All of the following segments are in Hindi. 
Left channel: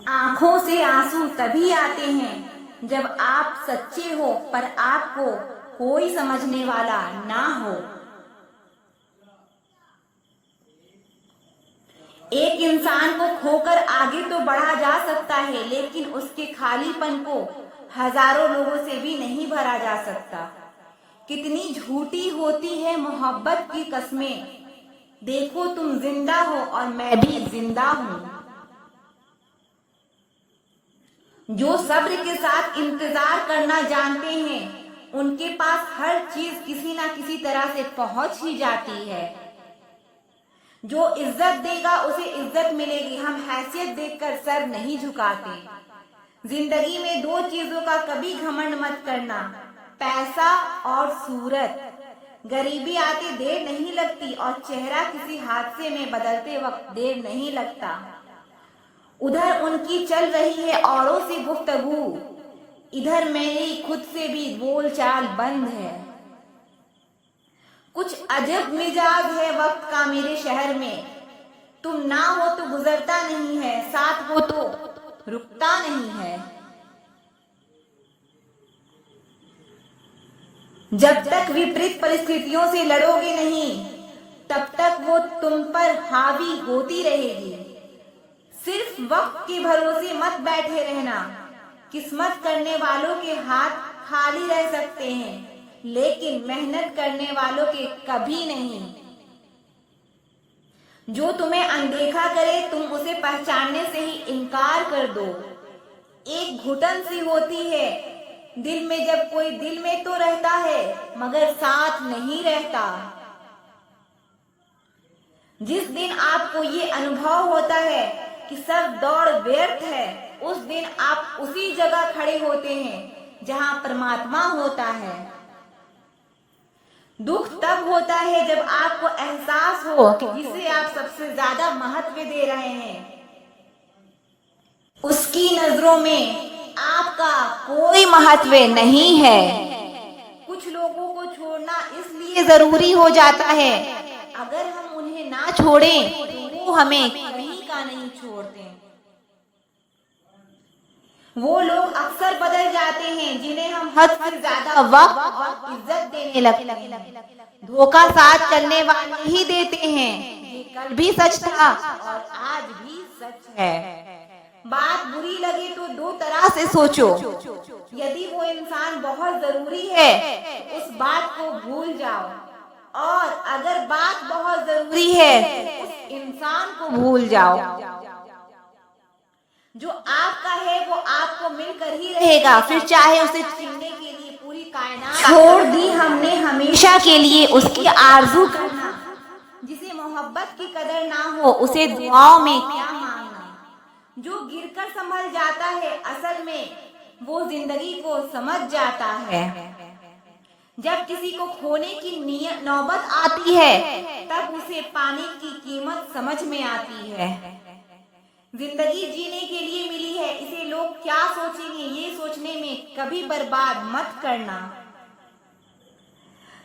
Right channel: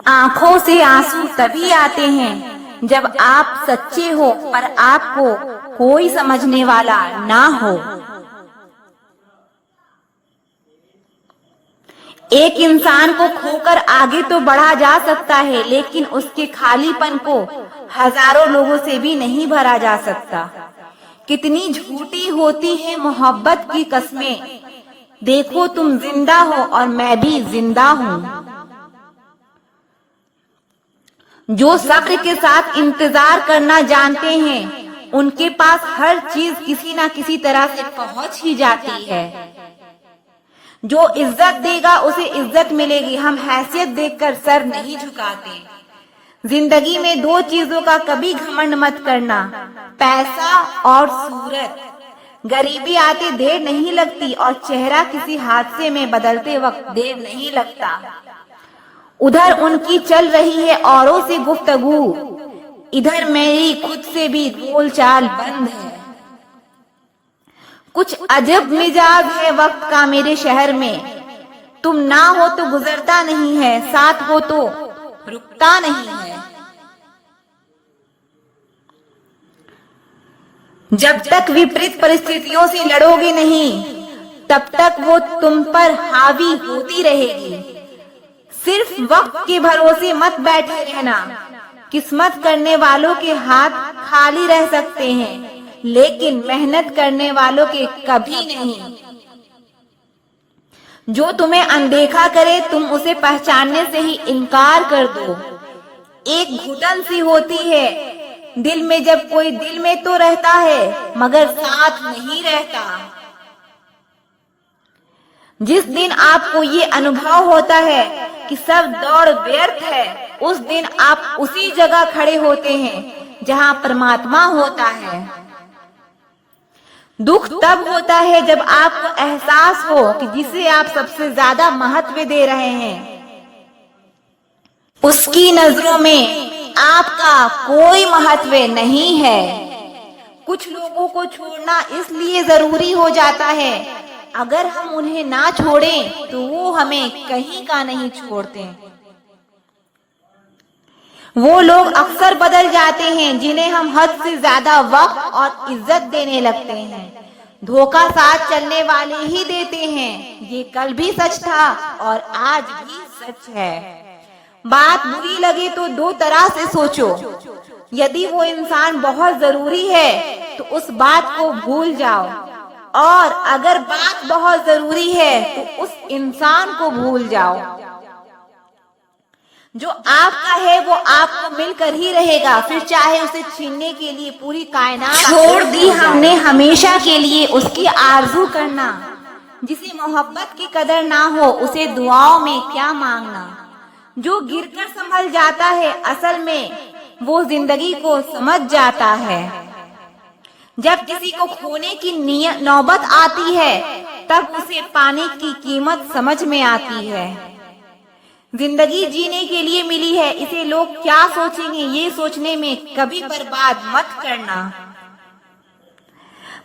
आंखों से आंसू तभी आते हैं जब आप सच्चे हो पर आपको कोई समझने वाला ना हो। एक इंसान को खोकर आगे तो बढ़ा जा सकता है, लेकिन उसके खालीपन को हजारों लोगों से भी नहीं भरा जा सकता। कितनी झूठी होती है मोहब्बत की कस्में, देखो तुम जिंदा हो और मैं भी जिंदा हूँ। जो सब्र के साथ इंतजार करना जानते हैं, उनके पास हर चीज किसी ना किसी तरह से पहुंच ही जाती है। जो इज्जत देगा उसे इज्जत मिलेगी, हम हैसियत देखकर सर नहीं झुकाते। जिंदगी में दो चीजों का कभी घमंड मत करना, पैसा और सूरत। गरीबी आते देर नहीं लगती और चेहरा किसी हादसे में बदलते वक्त देर नहीं लगता। उधर उनकी चल रही है औरों से गुफ्तगू, इधर मेरी खुद से भी बोलचाल बंद है। कुछ अजब मिजाज है वक्त का मेरे शहर में, तुम ना हो तो गुजरता नहीं है, साथ हो तो रुकता नहीं है। जब तक विपरीत परिस्थितियों से लड़ोगे नहीं, तब तक वो तुम पर हावी होती रहेगी। सिर्फ वक्त के भरोसे मत बैठे रहना, किस्मत करने वालों के हाथ खाली रह सकते हैं, लेकिन मेहनत करने वालों के कभी नहीं। जो तुम्हें अनदेखा करे तुम उसे पहचानने से ही इनकार कर दो। एक घुटन सी होती है दिल में जब कोई दिल में तो रहता है मगर साथ नहीं रहता। जिस दिन आपको ये अनुभव होता है कि सब दौड़ व्यर्थ है, उस दिन आप उसी जगह खड़े होते हैं जहां परमात्मा होता है। दुख तब होता है जब आपको एहसास हो कि जिसे आप सबसे ज्यादा महत्व दे रहे हैं, उसकी नजरों में आपका कोई महत्व नहीं है। कुछ लोगों को छोड़ना इसलिए जरूरी हो जाता है, अगर हम उन्हें ना छोड़ें तो वो हमें कहीं का नहीं छोड़ते। वो लोग अक्सर बदल जाते हैं जिन्हें हम हद से ज्यादा वक्त और इज्जत देने लगते हैं। धोखा साथ चलने वाले ही देते हैं, ये कल भी सच था और आज भी सच है। बात बुरी लगे तो दो तरह से सोचो, यदि वो इंसान बहुत जरूरी है तो उस बात को भूल जाओ, और अगर बात बहुत जरूरी है तो उस इंसान को भूल जाओ। जो आपका है वो आपको मिलकर ही रहेगा, फिर चाहे उसे छीनने के लिए पूरी कायनात छोड़ दी हमने हमेशा के लिए उसकी आरजू करना। जिसे मोहब्बत की कदर ना हो उसे दुआओं में क्या मांगना। जो गिरकर संभल जाता है असल में वो जिंदगी को समझ जाता है। जब किसी को खोने की नौबत आती है तब उसे पाने की कीमत समझ में आती है। जिंदगी जीने के लिए मिली है, इसे लोग क्या सोचेंगे ये सोचने में कभी बर्बाद मत करना।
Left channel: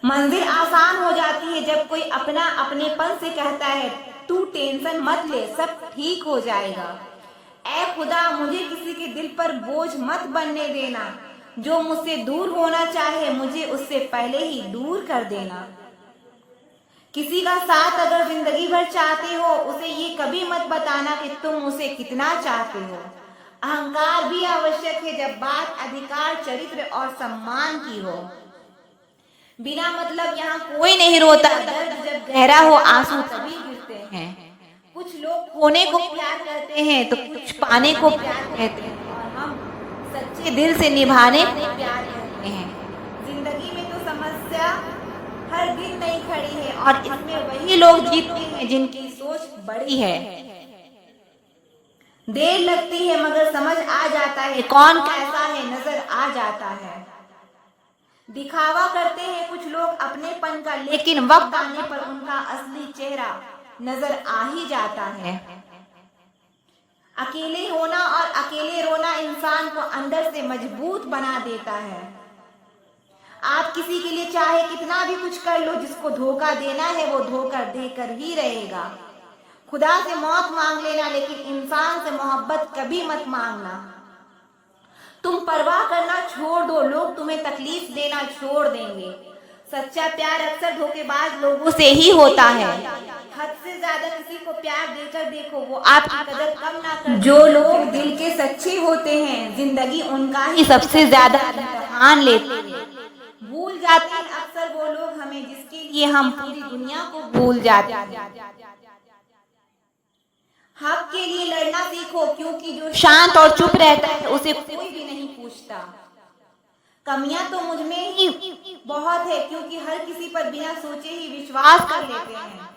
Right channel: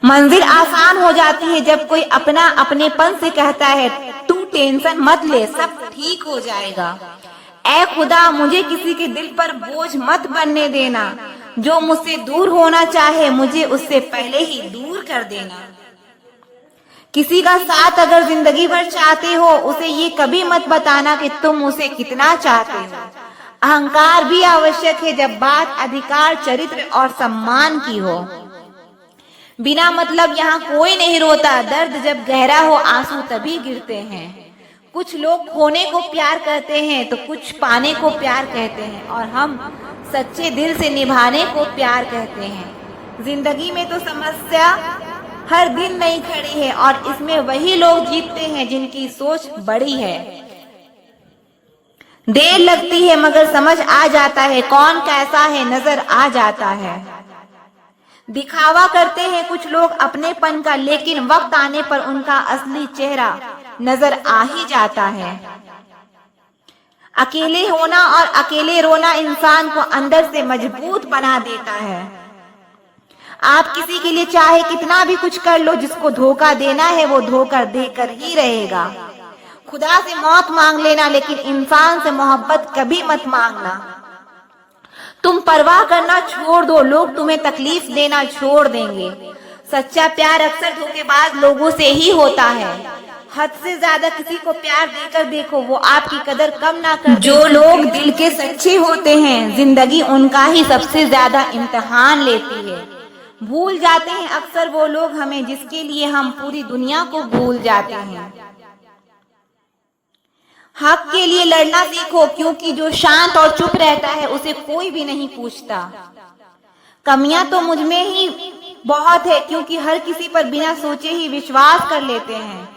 मंजिल आसान हो जाती है जब कोई अपना अपनेपन से कहता है तू टेंशन मत ले सब ठीक हो जाएगा। ऐ खुदा मुझे किसी के दिल पर बोझ मत बनने देना, जो मुझसे दूर होना चाहे मुझे उससे पहले ही दूर कर देना। किसी का साथ अगर जिंदगी भर चाहते हो उसे ये कभी मत बताना कि तुम उसे कितना चाहते हो। अहंकार भी आवश्यक है जब बात अधिकार, चरित्र और सम्मान की हो। बिना मतलब यहाँ कोई नहीं रोता, दर्द जब गहरा हो आंसू तभी गिरते हैं। कुछ लोग खोने को प्यार करते हैं तो कुछ पाने को प्यार कहते हैं, और हम सच्चे दिल से निभाने को प्यार कहते हैं। जिंदगी में तो समस्या हर दिन नई खड़ी है और इसमें वही लोग जीतते हैं जिनकी सोच बड़ी है। देर लगती है मगर समझ आ जाता है कौन कैसा है, नजर आ जाता है। दिखावा करते हैं कुछ लोग अपनेपन का, लेकिन वक्त आने पर उनका असली चेहरा नजर आ ही जाता है। अकेले होना और अकेले रोना इंसान को अंदर से मजबूत बना देता है। आप किसी के लिए चाहे कितना भी कुछ कर लो, जिसको धोखा देना है वो धोखा देकर ही रहेगा। खुदा से मौत मांग लेना, लेकिन इंसान से मोहब्बत कभी मत मांगना। तुम परवाह करना छोड़ दो, लोग तुम्हें तकलीफ देना छोड़ देंगे। सच्चा प्यार अक्सर धोखेबाज लोगों से ही होता है। हद से ज्यादा किसी को प्यार देकर देखो, वो आपकी कदर कम ना कर। जो लोग दिल के सच्चे होते हैं, जिंदगी उनका ही सबसे ज्यादा इम्तिहान लेती है। भूल जाते हैं अक्सर वो लोग हमें, जिसके लिए हम पूरी दुनिया को भूल जाते हैं। हक के लिए लड़ना सीखो, क्योंकि जो शांत और चुप रहता है उसे कोई भी नहीं पूछता। कमियां तो मुझ में ही बहुत है, क्योंकि हर किसी पर बिना सोचे ही विश्वास कर लेते हैं।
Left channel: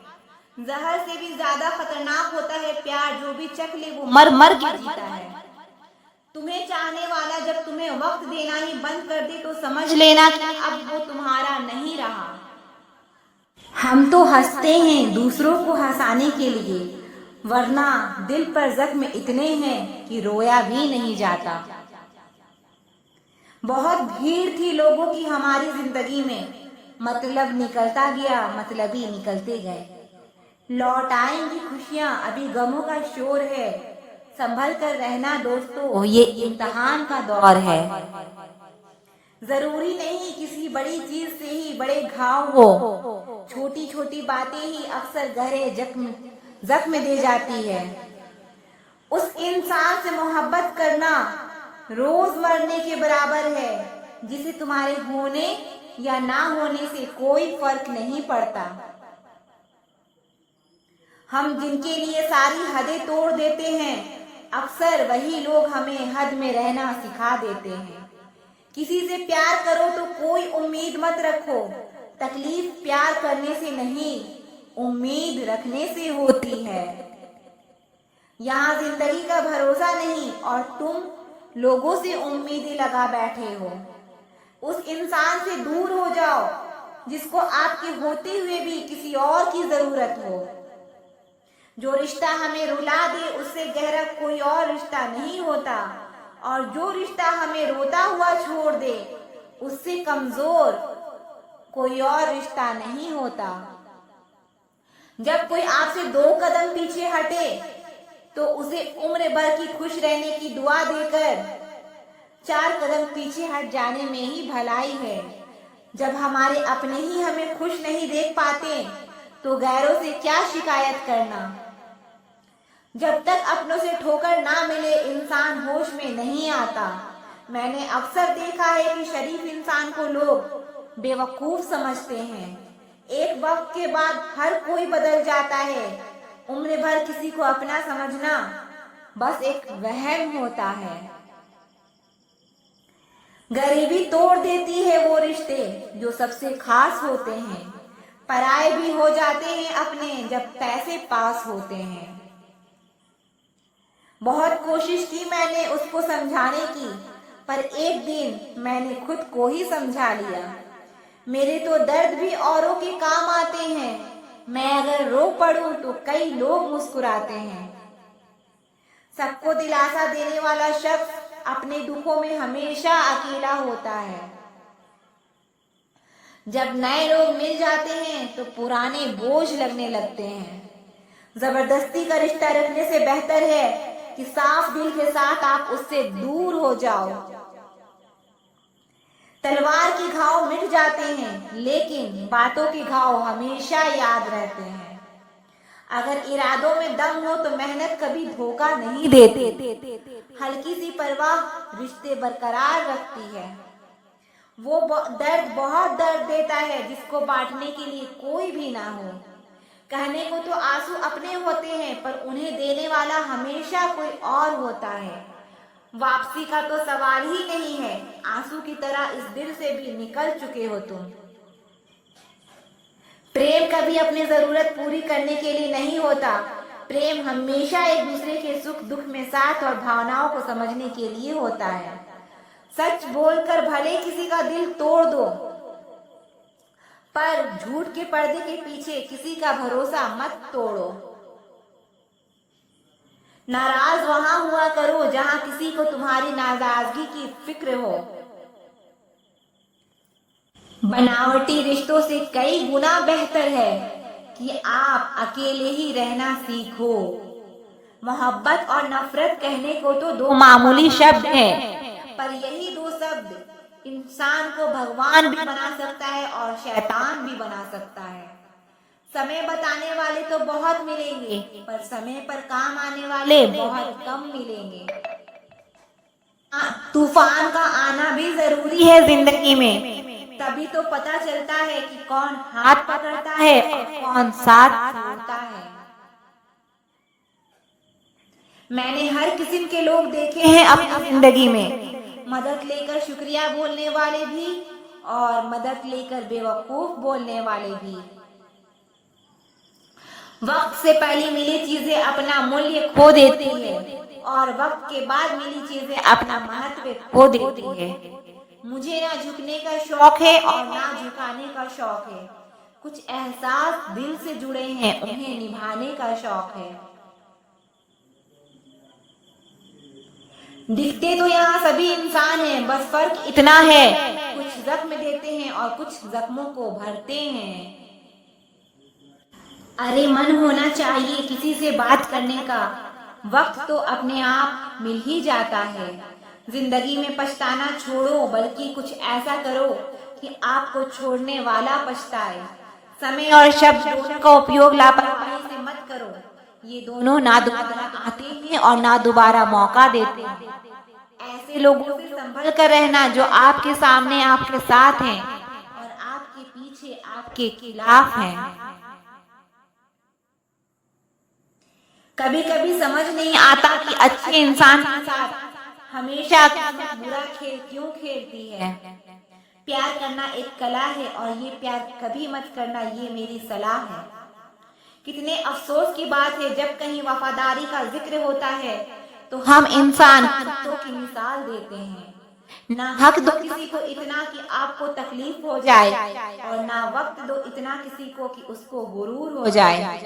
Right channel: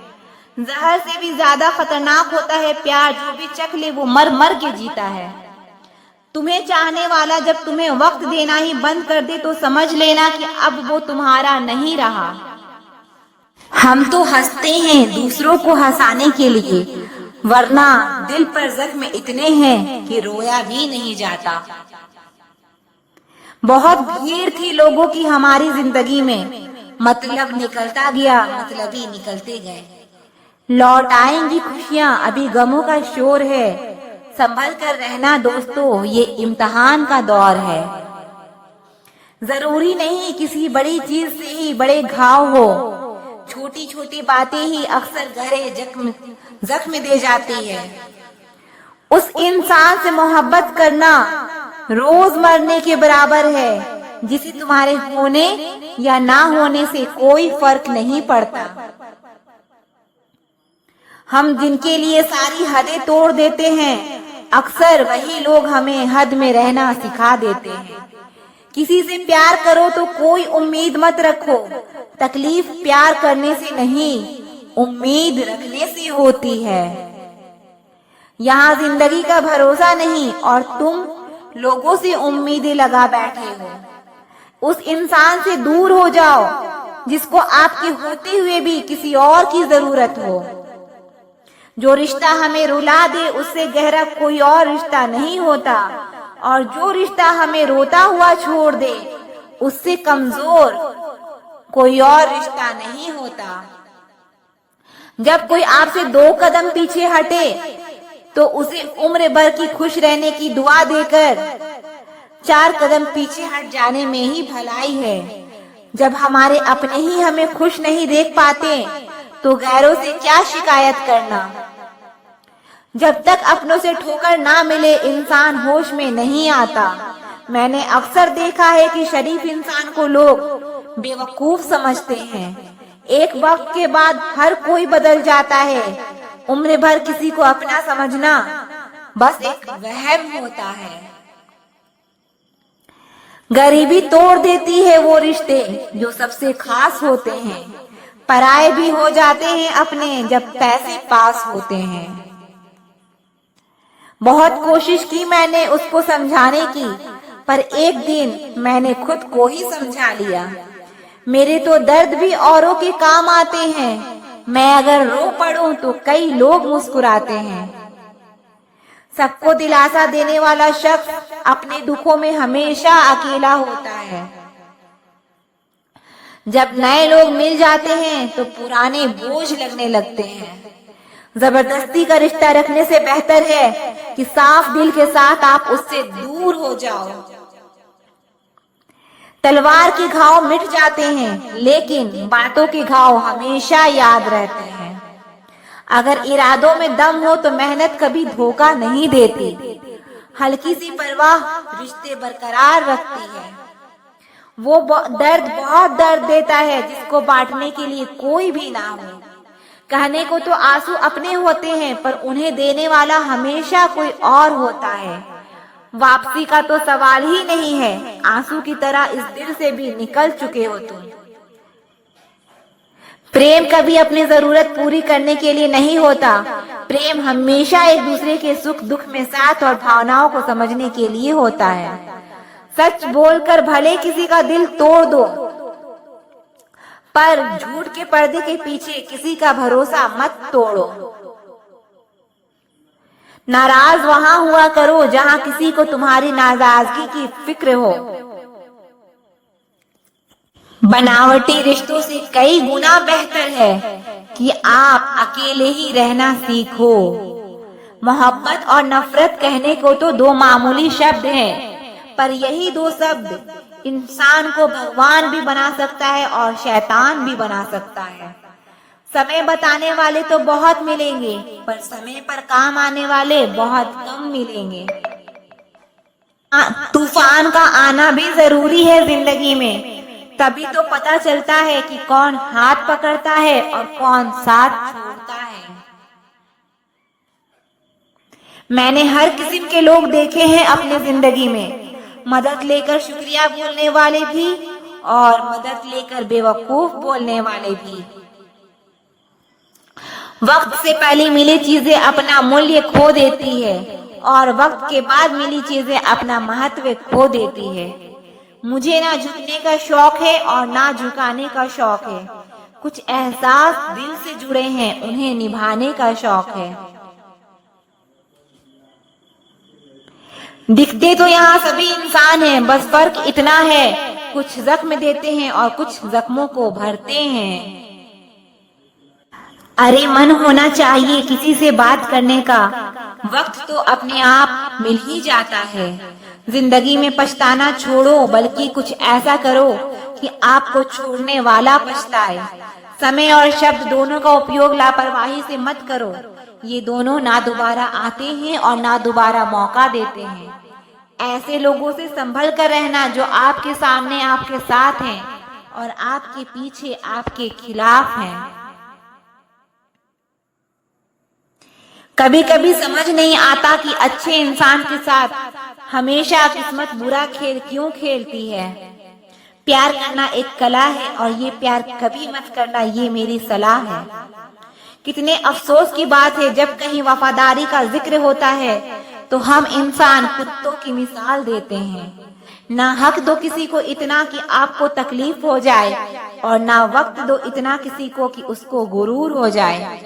जहर से भी ज्यादा खतरनाक होता है प्यार, जो भी चख ले वो मर मर के जीता है। तुम्हें चाहने वाला जब तुम्हें वक्त देना ही बंद कर दे तो समझ लेना कि अब वो तुम्हारा नहीं रहा। हम तो हंसते हैं दूसरों को हंसाने के लिए, वरना दिल पर जख्म इतने हैं कि रोया भी नहीं जाता। बहुत भीड़ थी लोगों की हमारी जिंदगी में, मतलब निकलता गया, मतलब ही निकलते गए। लौट आएंगी खुशियां, अभी गमों का शोर है। संभल कर रहना दोस्तों, ये इम्तिहान का दौर है। जरूरी नहीं किसी बड़ी चीज से ही बड़े घाव हो, छोटी छोटी बातें ही अक्सर गहरे जख्म दे जाती है। उस इंसान से मोहब्बत करना रोज मरने के बराबर है, जिसे तुम्हारे होने या ना होने से कोई फर्क नहीं पड़ता। हम जिनके लिए सारी हदें तोड़ देते हैं, अक्सर वही लोग हमें हद में रहना सिखा देते हैं। किसी से प्यार करो तो कोई उम्मीद मत रखो, तकलीफ प्यार करने से नहीं, उम्मीद रखने से होती है। यहाँ जिंदगी का भरोसा नहीं और तुम लोगों से उम्मीदें लगा बैठे हो। उस इंसान से दूर हो जाओ जिसको आपके होते हुए भी किसी और की जरूरत हो। जो रिश्ता हमें रुला दे उससे गहरा कोई और रिश्ता नहीं होता, और जो रिश्ता हमें रोता हुआ छोड़ दे उससे कमजोर कोई और रिश्ता नहीं होता। जब कोई आपसे 2 कदम पीछे हटे तो उसे उम्र भर की खुश रहने की दुआ देकर 4 कदम पीछे हट जाने में ही भलाई है। जब हमारे अपने ही हमें खुश नहीं देख पाते तो गैरों से क्या शिकायत करना। जब तक अपनों से ठोकर ना मिले इंसान होश में नहीं आता। मैंने अक्सर देखा है कि शरीफ इंसान को लोग बेवकूफ समझते हैं। एक वक्त के बाद हर कोई बदल जाता है। उम्र भर किसी को अपना समझना बस एक वहम होता है। गरीबी तोड़ देती है वो रिश्ते जो सबसे खास होते हैं। पराये भी हो जाते हैं अपने जब पैसे पास होते हैं। बहुत कोशिश की मैंने उसको समझाने की, पर एक दिन मैंने खुद को ही समझा लिया। मेरे तो दर्द भी औरों के काम आते हैं। मैं अगर रो पड़ूं तो कई लोग मुस्कुराते हैं। सबको दिलासा देने वाला शख्स अपने दुखों में हमेशा अकेला होता है। जब नए लोग मिल जाते हैं तो पुराने बोझ लगने लगते हैं। जबरदस्ती का रिश्ता रखने से बेहतर है कि साफ दिल के साथ आप उससे दूर हो जाओ। तलवार के घाव मिट जाते हैं, लेकिन बातों के घाव हमेशा याद रहते हैं। अगर इरादों में दम हो तो मेहनत कभी धोखा नहीं देती। हल्की सी परवाह रिश्ते बरकरार रखती है। वो दर्द बहुत दर्द देता है जिसको बांटने के लिए कोई भी ना हो। कहने को तो आंसू अपने होते हैं, पर उन्हें देने वाला हमेशा कोई और होता है। वापसी का तो सवाल ही नहीं है। आंसू की तरह इस दिल से भी निकल चुके हो तुम। प्रेम कभी अपनी जरूरत पूरी करने के लिए नहीं होता। प्रेम हमेशा एक दूसरे के सुख दुख में साथ और भावनाओं को समझने के लिए होता है। सच बोलकर भले किसी का दिल तोड़ दो, पर झूठ के पर्दे के पीछे किसी का भरोसा मत तोड़ो। नाराज वहां हुआ करो जहां किसी को तुम्हारी नाराजगी की फिक्र हो। बनावटी रिश्तों से कई गुना बेहतर है कि आप अकेले ही रहना सीखो। मोहब्बत और नफरत कहने को तो दो मामूली शब्द हैं, पर यही दो शब्द इंसान को भगवान भी बना सकता है और शैतान भी बना सकता है। समय बताने वाले तो बहुत मिलेंगे, पर समय पर काम आने वाले बहुत कम मिलेंगे। तूफान का आना भी जरूरी है जिंदगी में, तभी तो पता चलता है कि कौन हाथ पकड़ता है और कौन साथ छोड़ता है। मैंने हर किस्म के लोग देखे हैं अपनी जिंदगी में, मदद लेकर शुक्रिया बोलने वाले भी और मदद लेकर बेवकूफ बोलने वाले भी। वक्त से पहले मिली चीजें अपना मूल्य खो देती है और वक्त के बाद मिली चीजें अपना महत्व खो देती है। मुझे ना झुकने का शौक है और ना झुकाने का शौक है। कुछ एहसास दिल से जुड़े हैं, उन्हें निभाने का शौक है। दिखते तो यहाँ सभी इंसान हैं, बस फर्क इतना है कुछ जख्म देते हैं और कुछ जख्मों को भरते हैं। अरे मन होना चाहिए किसी से बात करने का, वक्त तो अपने आप मिल ही जाता है। जिंदगी में पछताना छोड़ो, बल्कि कुछ ऐसा करो कि आपको छोड़ने वाला पछताए। समय और शब्द दोनों का उपयोग लापरवाही से मत करो, ये दोनों ना दोबारा आते हैं और ना दोबारा मौका देते हैं। ऐसे लोगों से संभल कर रहना जो आपके सामने आपके साथ हैं और आपके पीछे आपके खिलाफ हैं। कभी कभी समझ नहीं आता कि अच्छे इंसान के साथ हमेशा किस्मत बुरा खेल क्यों खेलती है। प्यार करना एक कला है और ये प्यार कभी मत करना, ये मेरी सलाह है। कितने अफसोस की बात है जब कहीं वफादारी का जिक्र होता है तो हम इंसान कुत्तों की मिसाल देते हैं। ना हक दो किसी को इतना कि आपको तकलीफ हो जाए और ना वक्त दो इतना किसी को कि उसको गुरूर हो जाए।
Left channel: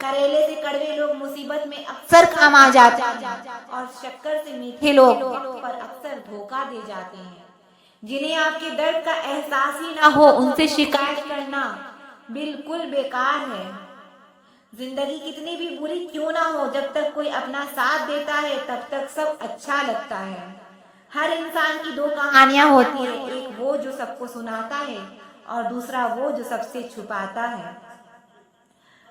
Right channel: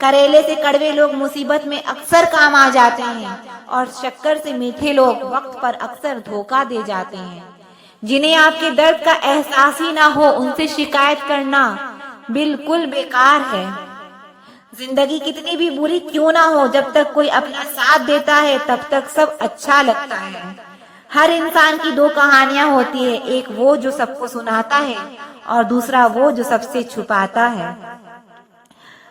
करेले से कड़वे लोग मुसीबत में अक्सर काम आ जाते हैं और शक्कर से मीठे लोग वक्त पर अक्सर धोखा दे जाते हैं। जिन्हें आपके दर्द का एहसास ही ना हो उनसे शिकायत करना बिल्कुल बेकार है। जिंदगी कितनी भी बुरी क्यों ना हो, जब तक कोई अपना साथ देता है तब तक सब अच्छा लगता है। हर इंसान की दो कहानियां होती है, एक वो जो सबको सुनाता है और दूसरा वो जो सबसे छुपाता है।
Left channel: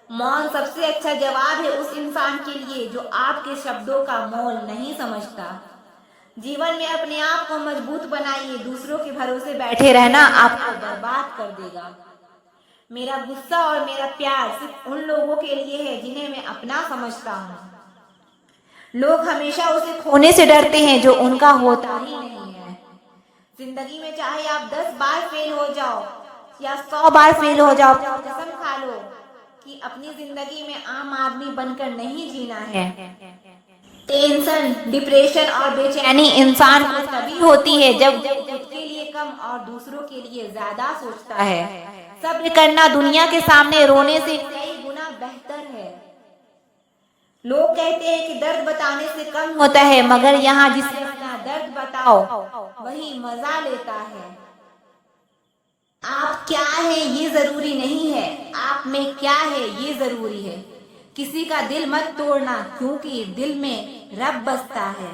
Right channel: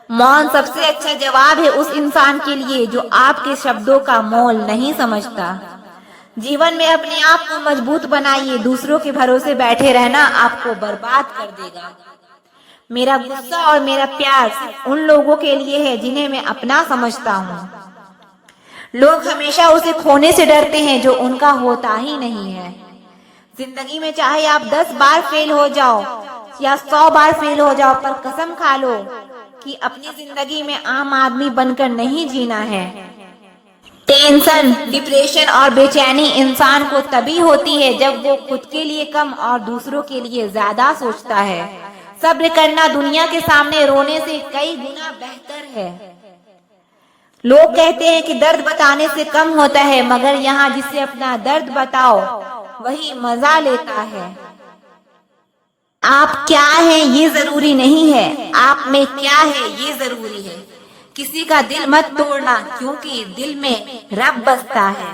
मौन सबसे अच्छा जवाब है उस इंसान के लिए जो आपके शब्दों का मोल नहीं समझता। जीवन में अपने आप को मजबूत बनाइए, दूसरों के भरोसे बैठे रहना आपको बर्बाद कर देगा। मेरा गुस्सा और मेरा प्यार सिर्फ उन लोगों के लिए है जिन्हें मैं अपना समझता हूँ। लोग हमेशा उसे खोने से डरते हैं जो उनका होता ही नहीं है। जिंदगी में चाहे आप 10 बार फेल हो जाओ या 100 बार फेल हो जाओ, पर कसम खा लो कि अपनी जिंदगी में आम आदमी बनकर नहीं जीना है। टेंशन, डिप्रेशन और बेचैनी इंसान को तभी होती है जब वो खुद के लिए कम और दूसरों के लिए ज्यादा सोचता है। सब्र करना दुनिया के सामने रोने से कई गुना बेहतर है। लोग कहते हैं कि दर्द बताने से कम होता है, मगर यहाँ जिसे अपना दर्द बताओ वही मजा लेता है। आप क्या हैं ये जरूरी नहीं है, आप में क्या है ये जरूरी है। किसी का दिल मत तोड़ना, क्योंकि दिल में रब बसता है।